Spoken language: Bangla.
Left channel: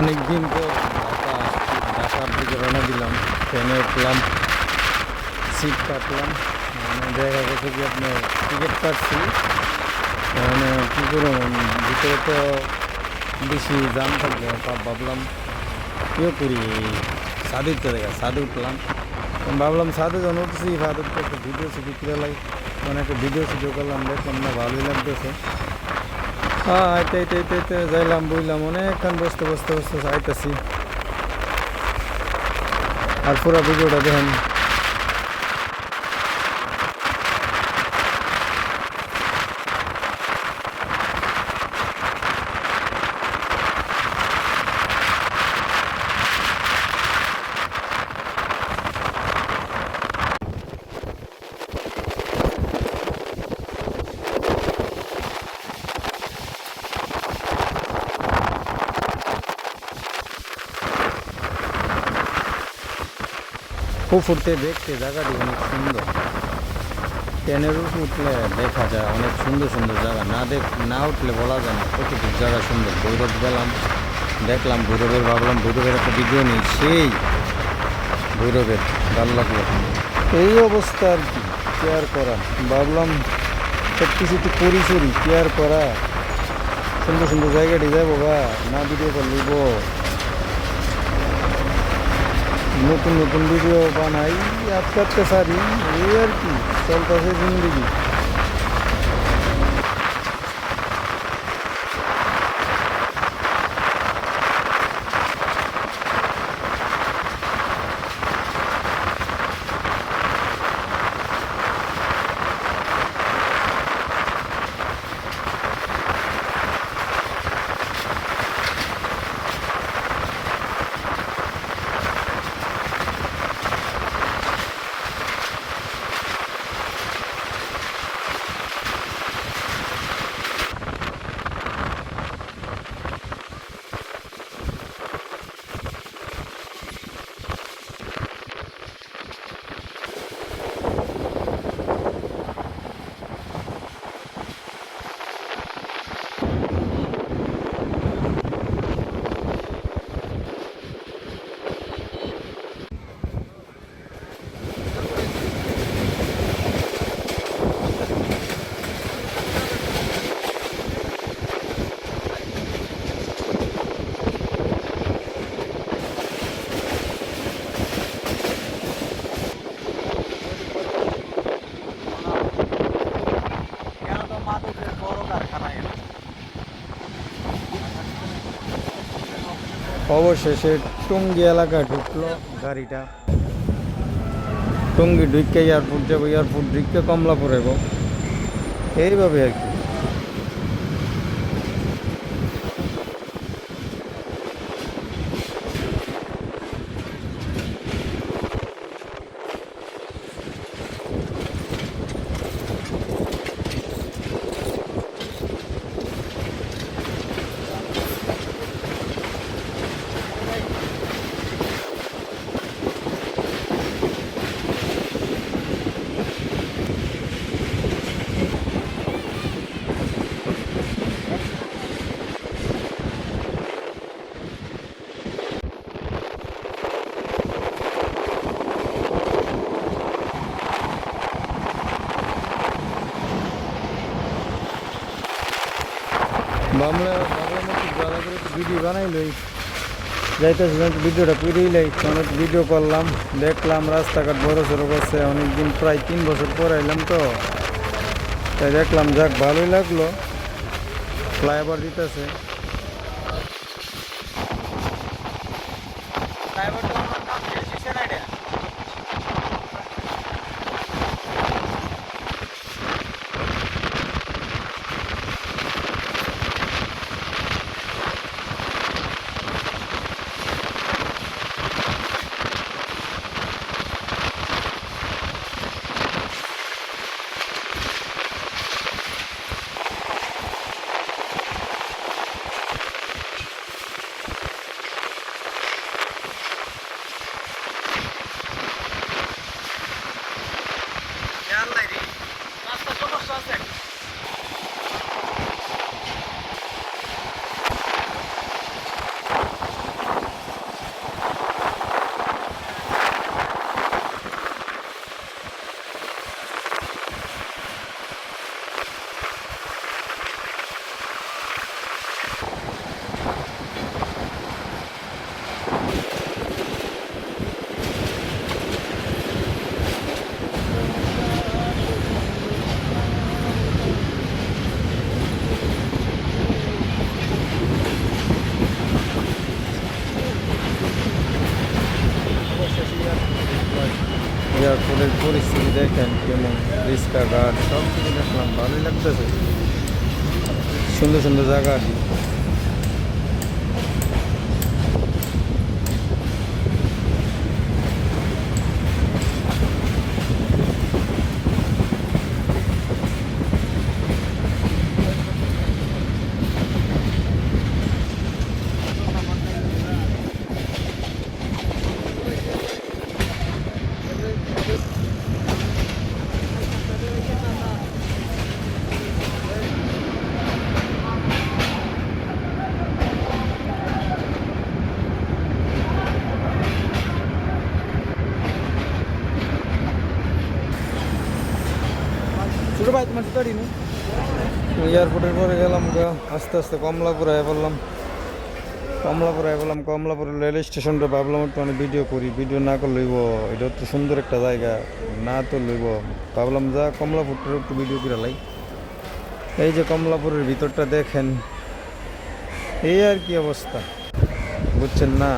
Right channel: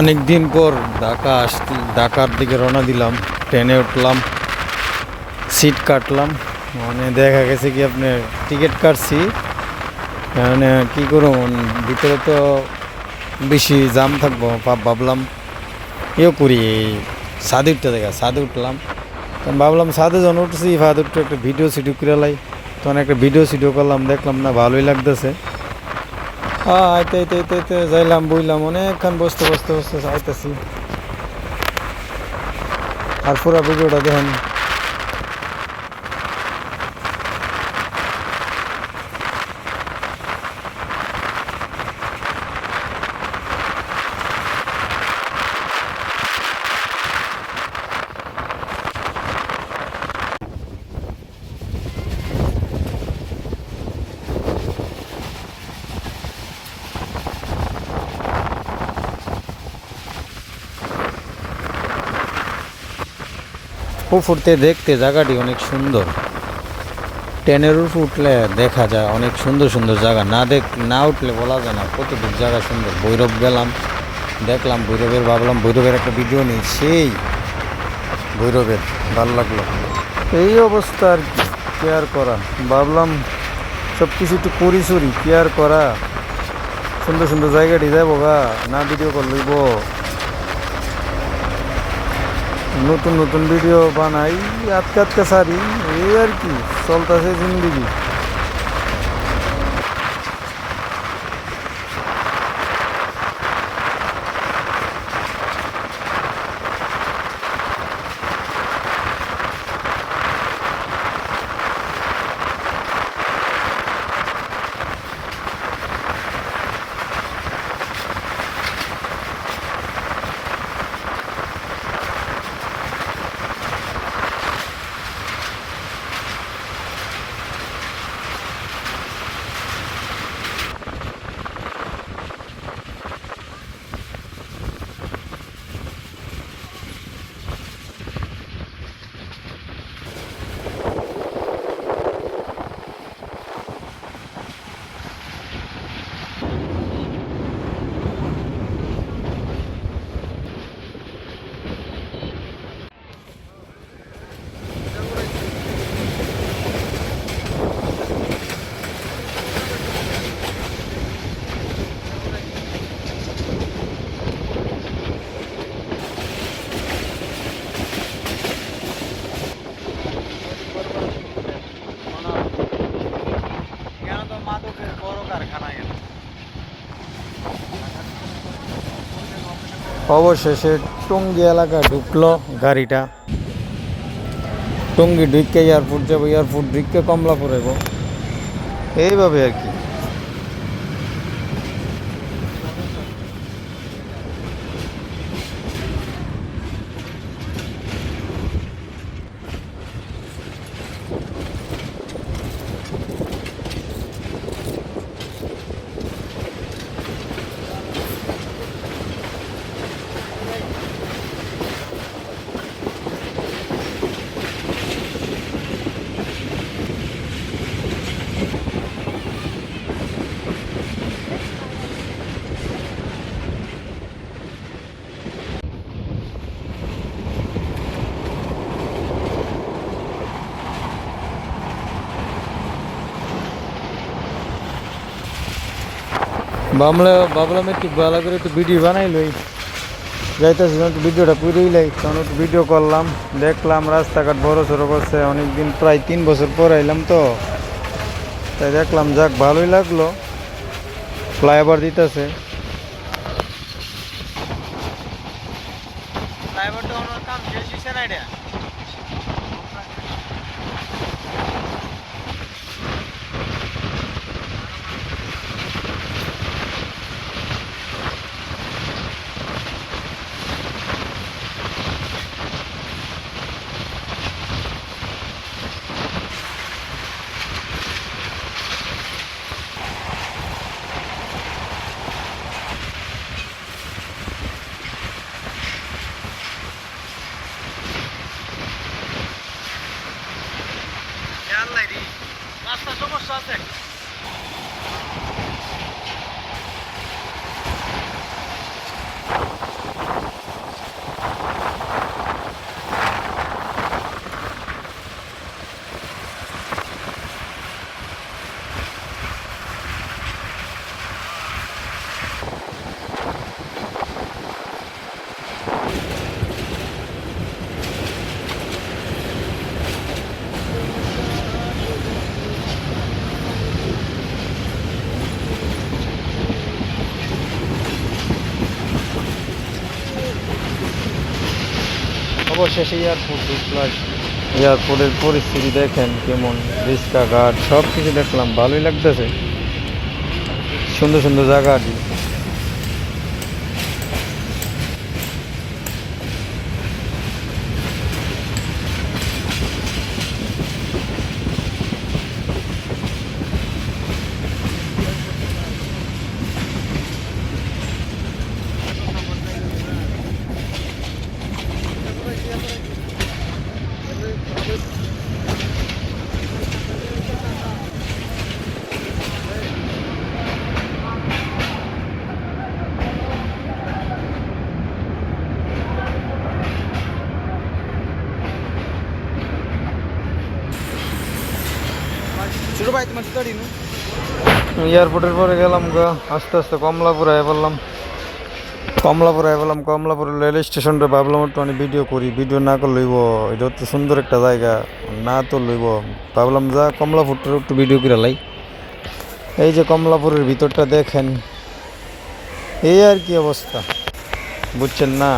অনেক দিন পর ঢাকার দিকে রওনা দিলাম। ট্রেনে উঠলাম, সিট কাটলাম। মানে দেখা গেছে কি আপনার টিকিট কাটছি, মানে কী করুন, ভিতরে তো বেশি জাম থাকবো। ভাবলাম করি, ছাদে উঠতে ছাদে উঠলাম। ভাবলাম ছাদে যখন উঠছি, ছাদে উঠতে একটা ভিডিও সিডিও করে লাই। তখন একটা ভিডিও সিডিও করলাম, দেখলাম না ভালোই লাগতেছে। আইতে আইতে আইতে আইতে যাইলাম, বইলাম অনেকক্ষণ বসতে বসতে বসতে আইতেছি। আর পুরো ভিডিওটা দেখেন। উপরতে দেখতে জায়গাটি অনেক সুন্দর। ট্রেনের উপর উঠলে দেখা যায় অনেক সুন্দর সুন্দর জায়গা, না উঠলে বলা যায় না কতটুক জায়গা সুন্দর। ভৈরব গেলাম, দেখলাম ভৈরবের, ভাবলাম ভৈরবের একটা ভিডিও নিই। সেই ভৈরবের ভালো লাগলো। এই অবস্থা আর কি, কেয়ার করা। ভাবলাম সব কিছু একটু পরিসরি কেয়ার করা, সুন্দর সুন্দর জায়গাটি যাবো গা, না ভিডিও কল লইব। নতুন নতুন ভিডিও বানাই, আজকে আজকে সারি, এই আর কি চলতেছে জিন্দিগি। অবশেষে টঙ্গী এলাকায় ঢুকলো গাড়িটা। টঙ্গী ঢুকে এয়ারপোর্ট যাবো, এয়ারপোর্ট ঢুকে কমলাপুর যাব, এইভাবে আর কি। ভাবলাম একটু ভালো করে একটু ভিডিও বানাই লই, যাইতেছি একটু ভিডিওটা পুরেই লাই। তখন একটু ভিডিও করলাম, দেখলাম রাস্তাঘাট বড় সড়ো করছে। অনেকদিন প্রায় 3 বছর পর আইলাম তো, তাই দেখলাম, যাক ভালোই লাগলো। ফ্লাইওভার দিতেছে। রাস্তা সমস্যা আছে। অবশেষে এয়ারপোর্ট ঢুকলাম। এয়ারপোর্টের পরিস্থিতি দেখেন কেমন, রিক্সা ঘাট সব কিছু দেখলাম, ভালোই লাগতেছে, সুন্দর সুন্দর জায়গাটি। ছোট ভাই তোমার জুতা দিন। এয়ারপোর্টের পরে গেলাম গা, আস্তে আস্তে কমলাপুর আয় বললাম। কমলাপুর রেল স্টেশনটা ভাবলাম একটু আমি ভিডিও করি, ভিডিও না করে লইব, এটা তো সুন্দর একটা জায়গা, না তো লইব, ভাবলাম যা কমলাপুরটার একটু ভিডিও করে লাই। এই যে কমলাপুরের ভিতরটা দেখেন, এই আর কি অবস্থা, বুঝছেন না।